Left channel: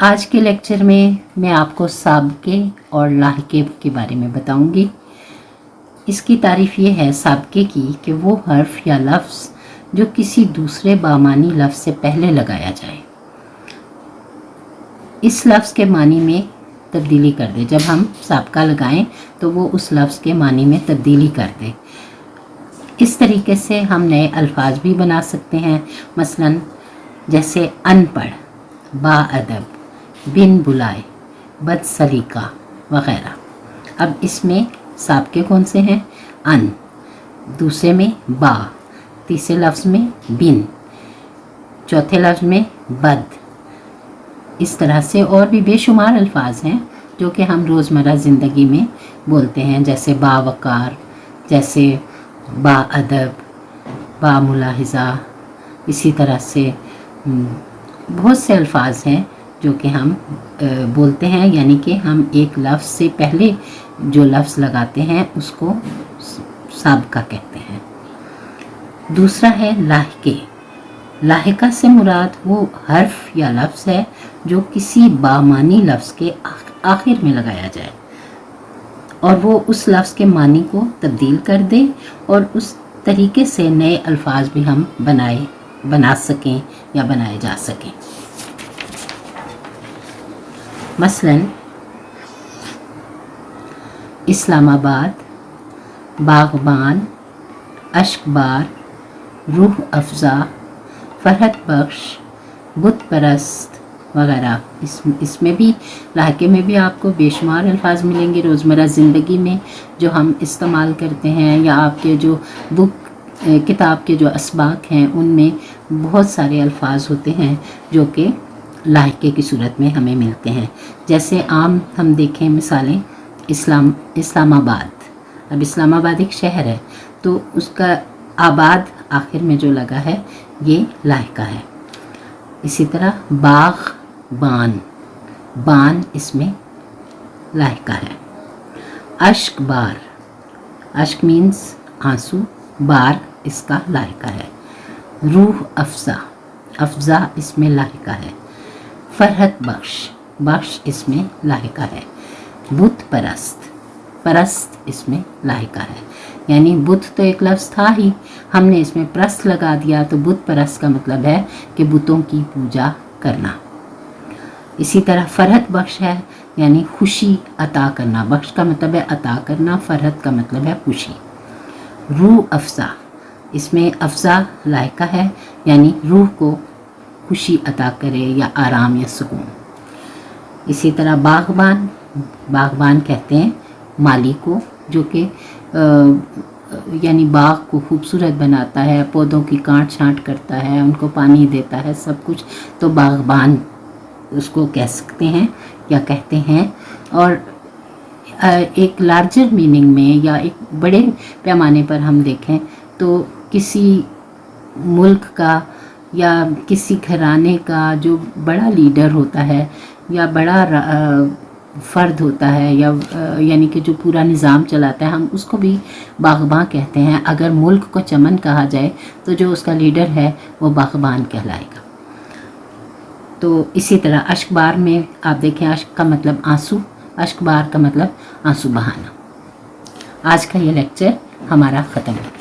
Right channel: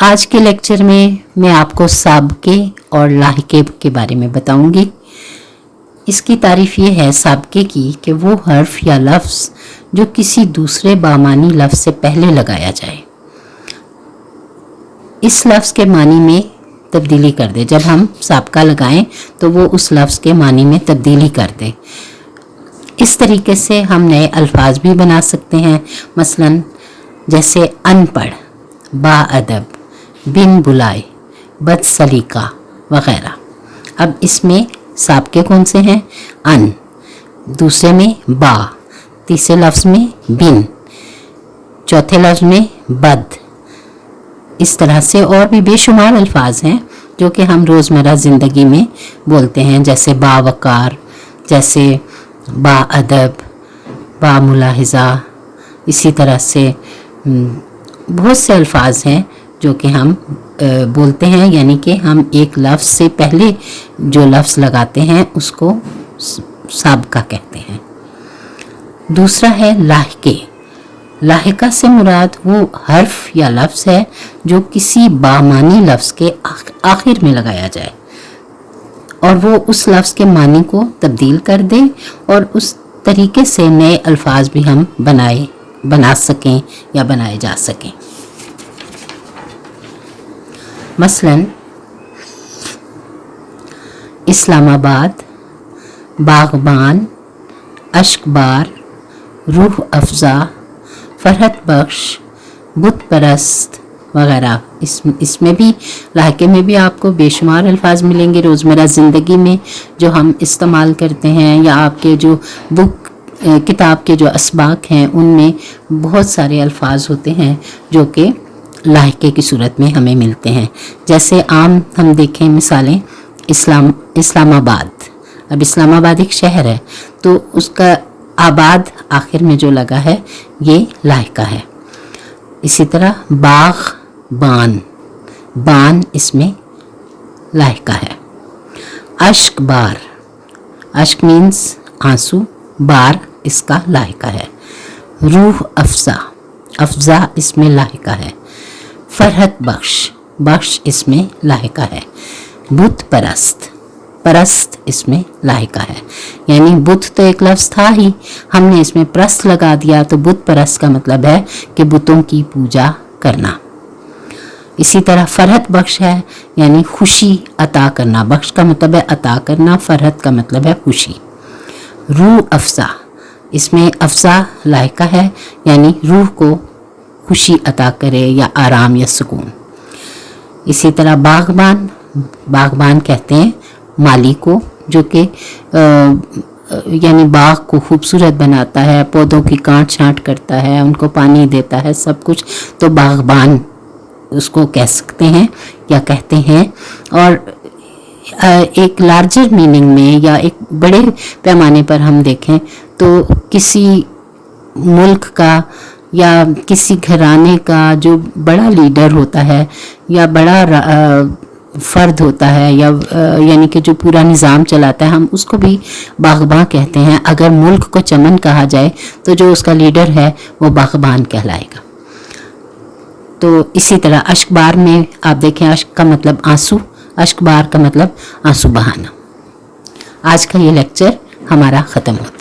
आज के लेक्चर में मैं आपको साबके और लाहिके के बारे में बताऊंगी। इसकी तारीफ ये है साबके की कि वो हर्फ या लफ्ज़ जो किसी दूसरे बामानी लफ्ज़ से पहले लगाया जाए, इस लफ्ज़ के मानी में तब्दीली कर दे। जब हम साबका लगाएं तो वो उस लफ्ज़ के मानी में तब्दीली कर दे। इस तरीके से हम नए अल्फाज भी बना सकते हैं, मसलन जैसे अनपढ़, बाअदब, बिन बुलाए, बदसलीका वगैरह। अब इसमें साबके कौन से हैं? अन, दूसरे में बा, तीसरे लफ्ज़ में बिन, चौथे लफ्ज़ में बद। इस तरह से और भी बेशुमार अल्फाज हैं जो कि हम रोज़मर्रा ज़िंदगी में बोलते हैं, जैसे बावकार, जैसे बाअदब, बामुलाहिज़ा। इसी तरह से बहुत से अल्फाज हैं जो कि हम बोलते हैं, यानी कि हम एक लफ्ज़ से पहले जो लफ्ज़ लगाते हैं उसको साबका कहते हैं। दूसरा है लाहिके। लाहिका से मुराद वो हर्फ या लफ्ज़ है जो किसी बामानी लफ्ज़ के आखिर में लगाया जाए और वो उस लफ्ज़ के मानी को तब्दील कर दे और उस तरीके से नए अल्फाज भी हम बना सकें या बनाए जा सकें। मसलन इस्लामाबाद, बागबान, अश्कबार, रूह अफ़ज़ा, फरहत बख्श, बुत परस्त वगैरह। इसमें भी लाहिके में भी आपको बेशुमार अल्फाज मिलेंगे रोज़मर्रा ज़िंदगी में जो हम इस्तेमाल करते हैं, या आपके जो किताब के जो असबाक हैं उनमें बहुत सारे अल्फाज होते हैं जो कि लाहिके की सूरत में हमें मिलते हैं। जैसे आम हम देखें मिसालें, इस्लामाबाद। अब इस्लामाबाद एक शहर है तो उसका आबाद आखिर में जो लगा है ये लाहिका है। इसी तरह बागबान, बान इसमें लाहिका है। अश्कबार, अश्क मीन्स आंसू, बार इसका लाहिका है। रूह अफ़ज़ा, अफ़ज़ा इसमें लाहिका है। फरहत बख्श, बख्श इसमें लाहिका है। बुत परस्त, परस्त इसमें लाहिका है। यानी बुत तो एक लफ्ज़ था ही, हमने इसमें प्रस्त लगा दिया तो बुत परस्त का मतलब है कि बुतों की पूजा करना। इसी तरह फरहत बख्श है, यानी खुशी अता करना। बख्श का मतलब है अता करना, फरहत का मतलब है खुशी। रूह अफ़ज़ा, इसमें अफ़ज़ा लाहिका है, यानी रूह को खुशी अता करे या आराम या सुकून। इसी तरह बागबान, बागबान कहते हैं माली को जो कि यानी बाग को खूबसूरत बनाता है, पौधों की काट छांट करता है, उनको पानी देता है, सब कुछ, तो बागबान उसको कह सकते हैं या कहते हैं। और एक लार्जर मीनिंग में या एक बड़े पैमाने पर हम देखें तो किसी मुल्क का या किसी घराने का जो बड़ा लीडर होता है या बड़ा फ़र्द होता है या यानी कि जो पूरा निज़ाम चलाता है, हम उसको भी बागबान कहते हैं। अगर मुल्क को चमन कहा जाए तो जो उसका लीडर है वो बागबान कहलाएगा। तो इसी तरह अश्कबार में आप देखें, अश्क का मतलब आंसू, अश्कबार का मतलब आंसू बहाना। आज का ये लेक्चर हमारा ख़त्म होता है।